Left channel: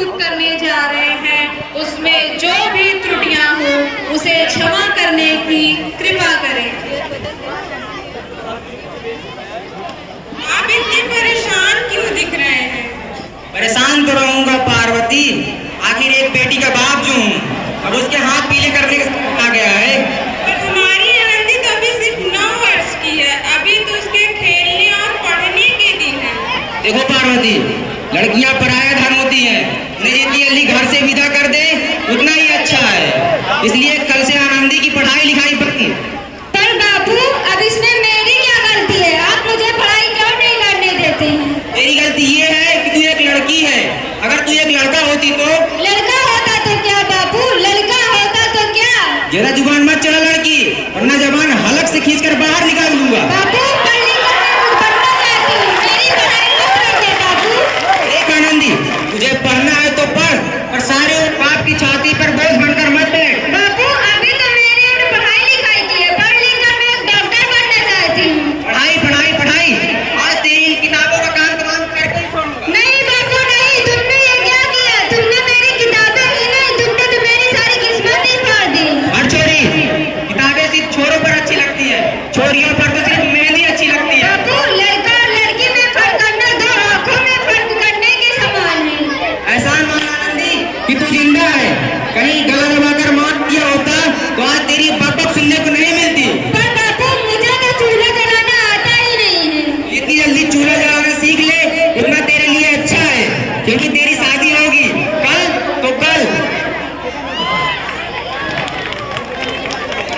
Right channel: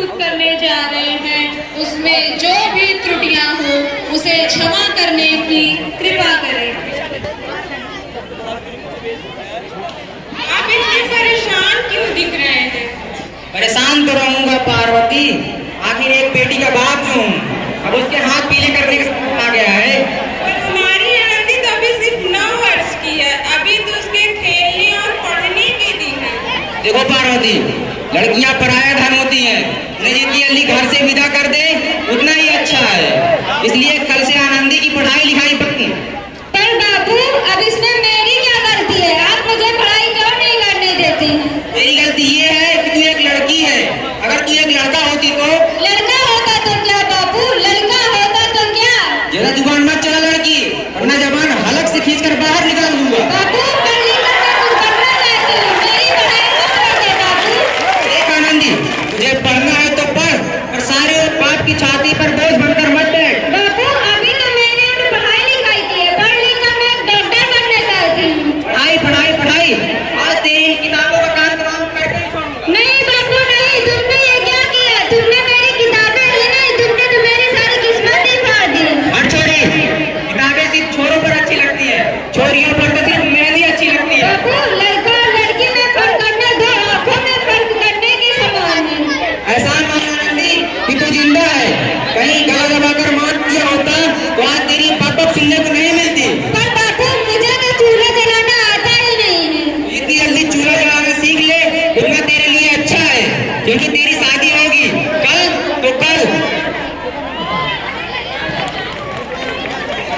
प्रस्तुत करने जा रहे हैं उसमें जो भी त्रुटियां हो उसे क्षमा करने की कृपा करें। आप इतने परेशान क्यों दिख रहे हैं? परेशान तो रहूंगा पार्वती, आखिर एक बेटी का बाप जो हूँ, अब उसके हाथ पीले करने का आ गया है। पर तुम्हारी आनंदी तो अभी सिर्फ 9 वर्ष की है, अभी तो उसके खेलने और पढ़ने के दिन है। देखो पार्वती, लड़कियां पराया धन होती है, उन्हें जितनी जल्दी घर से विदा कर दे उतना ही अच्छा है। इसलिए कल से आनंदी की पढ़ाई लिखाई पर। पर बाबू, अब इसमें मेरी क्या गलती है? आप मुझे पढ़ाई क्यों नहीं करने देते हैं? तेरी गलती ये है कि तू एक लड़की है, अगर तू एक लड़का होती तो। लड़का होता तो क्या बाबू, लड़का होता तो क्या? ज्यादा जुबान मत चला लड़की, वरना जबान हलक से खींचकर बाहर निकाल दूंगा। बाबू, पढ़ने का मैं कुछ बनना चाहती हूँ, मेरी पढ़ाई मत रोके बाबू। एक आनंदी, तुझे पढ़ना है तो पढ़, और सारे बाप की छाती पर बोझ बनकर मत बैठ। बाबू, अभी तो मैंने पढ़ाई लिखाई की है, पढ़ लिखकर मैं डॉक्टर बनना चाहती हूँ। पढ़ाई पढ़ाई पढ़ाई, आज तेरी इन किताबों का काम तमाम करके ही छोड़ूंगा। नहीं बाबू नहीं, तुमने ये क्या किया? तुमने मेरी किताबें ली नहीं, तुमने तो मेरी सारी किस्मत ही फाड़ दी। और छोरी, किताबें सिर्फ छोरों पर अच्छी लगती है, छोरियों पर तो सिर्फ मेहंदी अच्छी लगती है। बाबू, लड़का और लड़की में फर्क करना दो आंखों में फर्क करने के समान है। ऐसा मान आनंदी कि तू जिंदा है, कहीं गला दबाकर मार दिया होता तो आज तेरी बात सुनने को नहीं मिलती। पर बाबू, मुझे तो चूल्हा जलाना आता ही नहीं है। इतनी जल्दी चूल्हा जलाना सीख ले, इतना तेरे लिए अच्छा है, क्योंकि तेरी शादी होगी कल तो कल।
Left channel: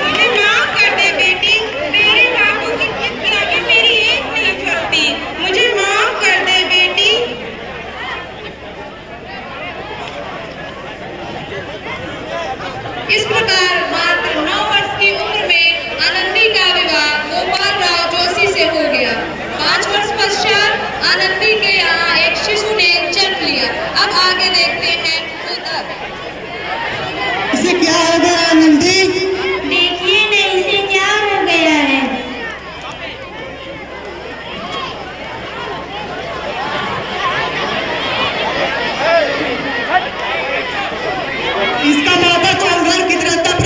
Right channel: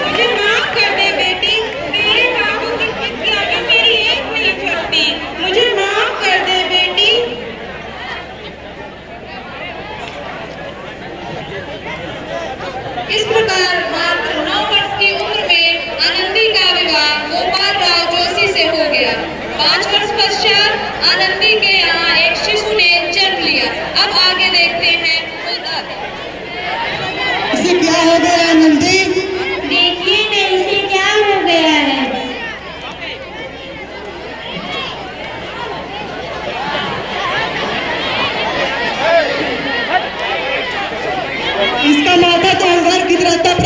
मुझे माफ कर दे बेटी, मेरे बाबू की जिद के आगे मेरी एक नहीं थकती। मुझे माफ कर दे बेटी। इस प्रकार मात्र 9 वर्ष की उम्र में आनंदी का विवाह गोपाल राव जोशी से हो गया। 5 वर्ष पश्चात आनंदी के यहाँ एक शिशु ने जन्म लिया। अब आगे देखते हैं इसे क्या हो गया आनंदी? देखिए ना इसे क्या हो गया है। इसका माथा चौंगर की तरह तप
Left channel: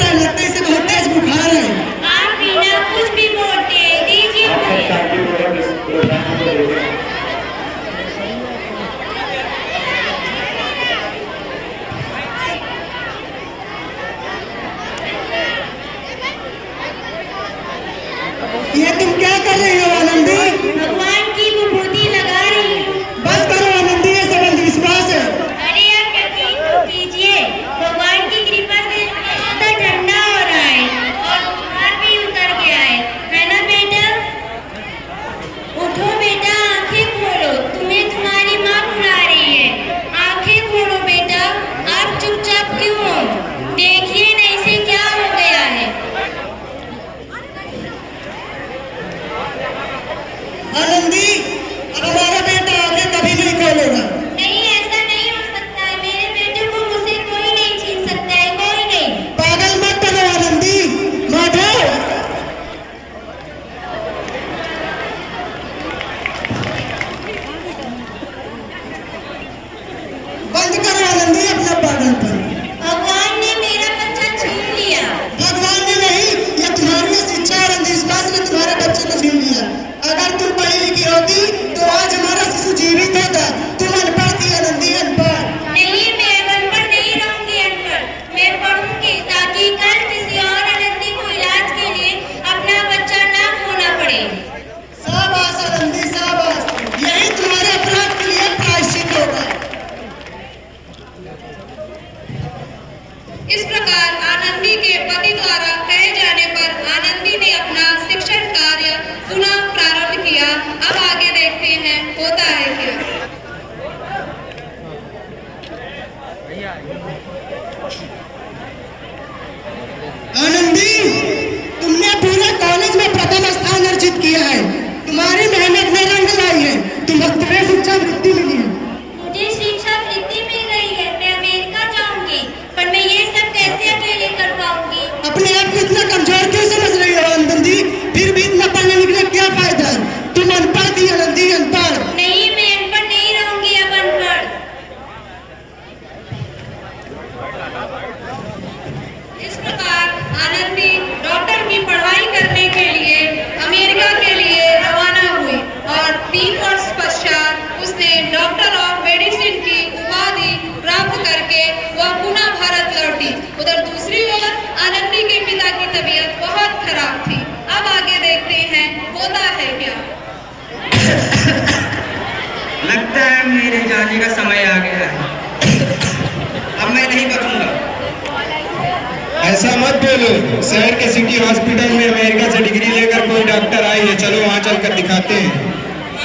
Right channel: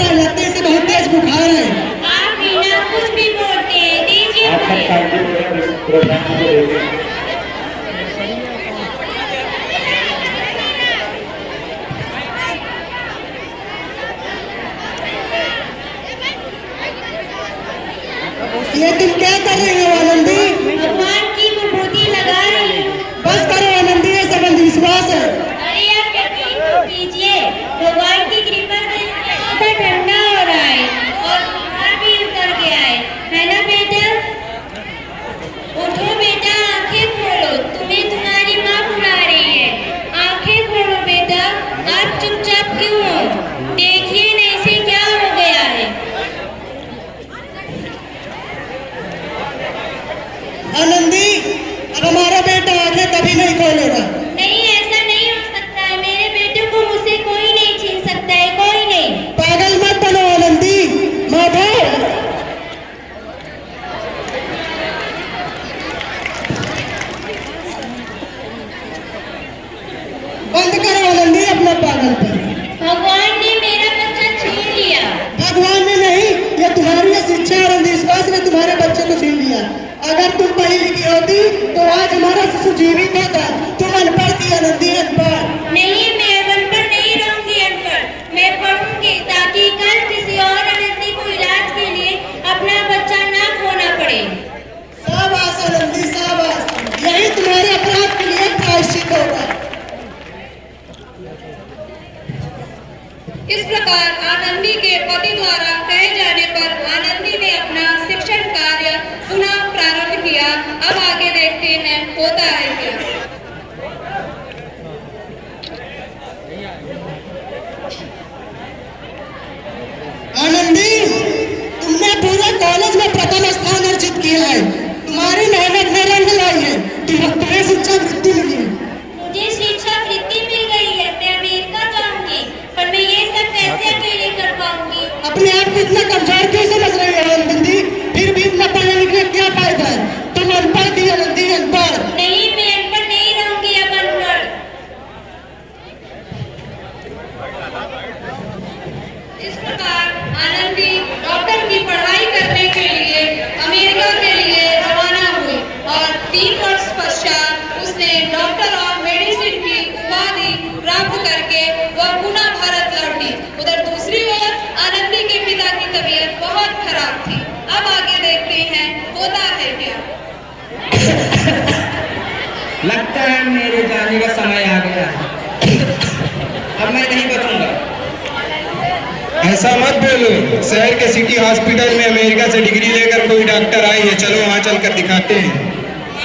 शहर के सिटी हॉस्पिटल में अमेरिका से डिग्री लेकर कोई डॉक्टर आए हैं, चलो वहाँ चलकर दिखाते हैं।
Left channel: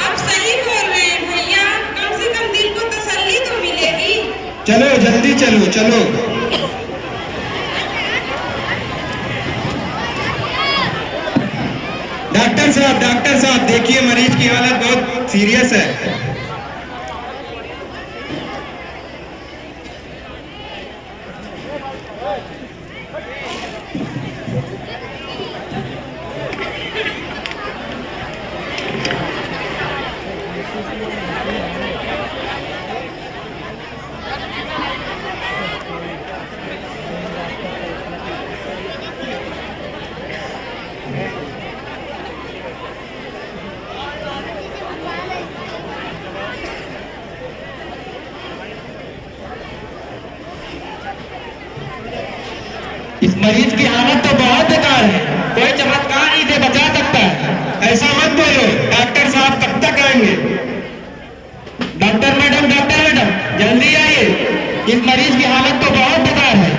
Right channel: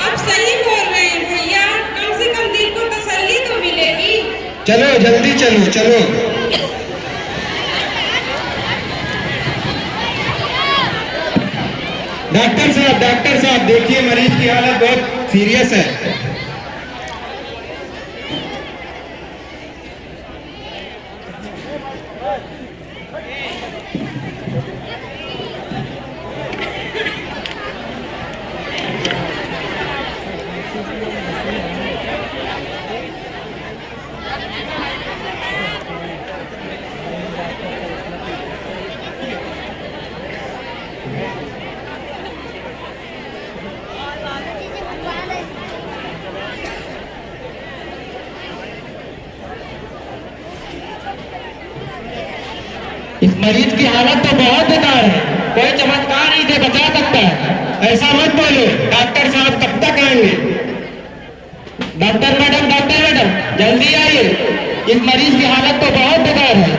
आप सही बोल रहे हैं भैया, कम से कम दिल को तसल्ली तो मिलेगी। चलो जल्दी चलो चलो। डॉक्टर साहब देखिए मरीज की हालत बहुत सीरियस है। इस मरीज की हालत तो बहुत बेकार है, कोई चमत्कार इसे बचा सकता है। ऐसा मत बोलो, डॉक्टर साहब कब तक आएंगे? डॉक्टर मैडम जल्दी आइए, इस मरीज की हालत तो बहुत बेकार है।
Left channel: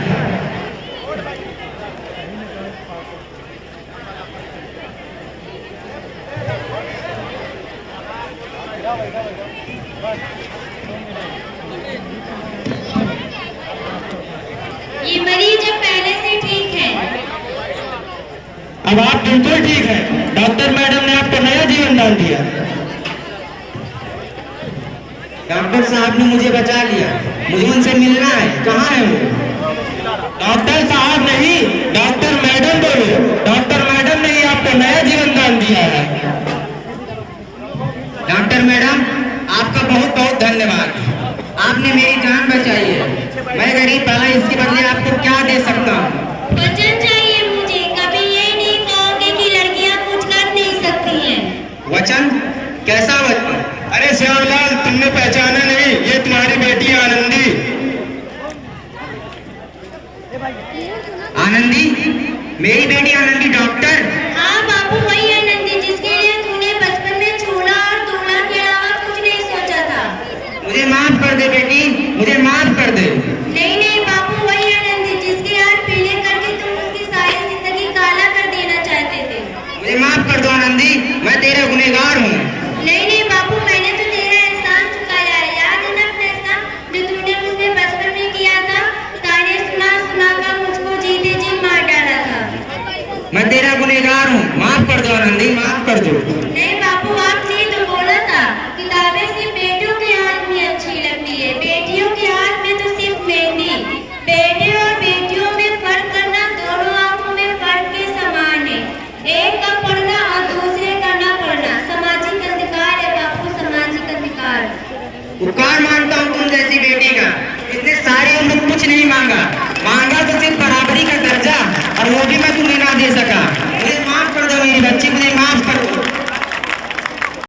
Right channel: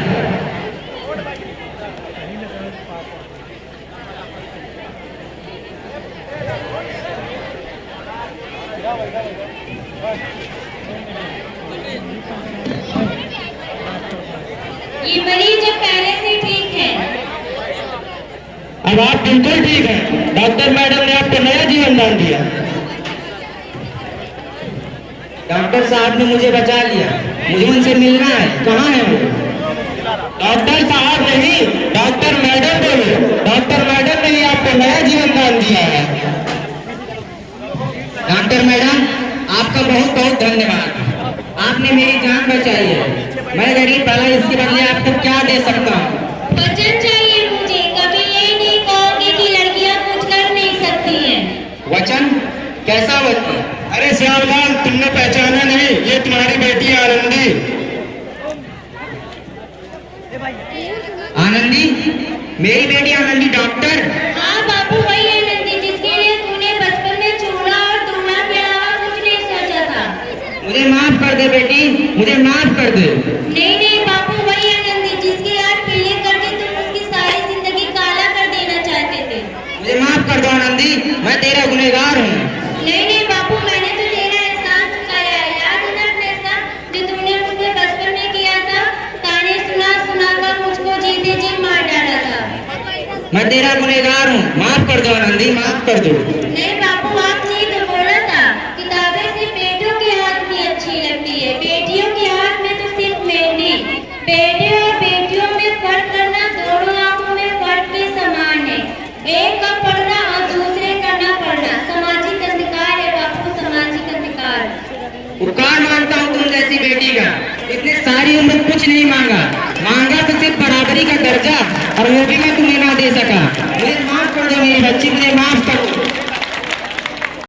ये मरीज अब पहले से ठीक है। अब आप बिल्कुल ठीक है, डॉक्टर मैडम ने आपको नया जीवन दान दिया। डॉक्टर साहब ने मुझे बचा लिया, मुझे उनसे मिलना है। कहाँ है वो? डॉक्टर साहब नहीं, डॉक्टर मैडम बोलो। डॉक्टर मैडम ने ही आपको नया जीवन दान दिया है। डॉक्टर मैडम, आपका बहुत बहुत धन्यवाद, आपने मेरी जान बचाई है। मैं गरीब भला इसके बदले आपको क्या दे सकता हूँ? वचन चाहिए मुझे, कभी ये नहीं कहोगे कि लड़कियां कुछ कर नहीं सकती हैं। वचन? कैसा वचन? अरे श्यामलाल, तुमने पहचाना नहीं, ये तुम्हारी बेटी आनंदी। आनंदी? मेरी बेटी आनंदी डॉक्टर? हाँ बाबू, वही आनंदी जिसके लिए तूने बचपन में चूड़ा और दूल्हा के अलावा कुछ नहीं सोचा था। मुझे माफ कर दे बेटी, मुझे माफ कर दे। नहीं नहीं बाबू, वही आनंदी जिसके हाथ पीले करके तुम उसकी सारी जिंदगी काला कर देना चाहते थे। मुझे माफ कर दो आनंदी, मैं तेरा गुनहगार हूँ। नहीं नहीं बाबू, मैंने तो तेरा एहसान चुकाया है। याद है ना फैसला जो तूने मुझे बचपन में किया था? ताने सुना सुना कर मुझको जीते जी मार डाला था। मैं तेरा गुनहगार हूँ, माफ कर दो आनंदी, माफ कर दो। नहीं बाबू, आपने तो बोला था किताबें सिर्फ बेटों के हाथ में अच्छी लगती है, बेटियों के हाथ में तो सिर्फ मेहंदी। बेटे और बेटियों में फर्क करना दोनों आंखों में फर्क के समान है। एक का पढ़ना और दूसरे का न पढ़ना सामाजिक अंधकार है बापू, सामाजिक अंधकार। उपकार मानता हूँ तुम जैसी बेटी का, इतने सारी उम्र कुछ नहीं मांगा, मांगा तो सिर्फ बराबरी का दर्जा, और वो भी मैं तुम्हें ना दे सका।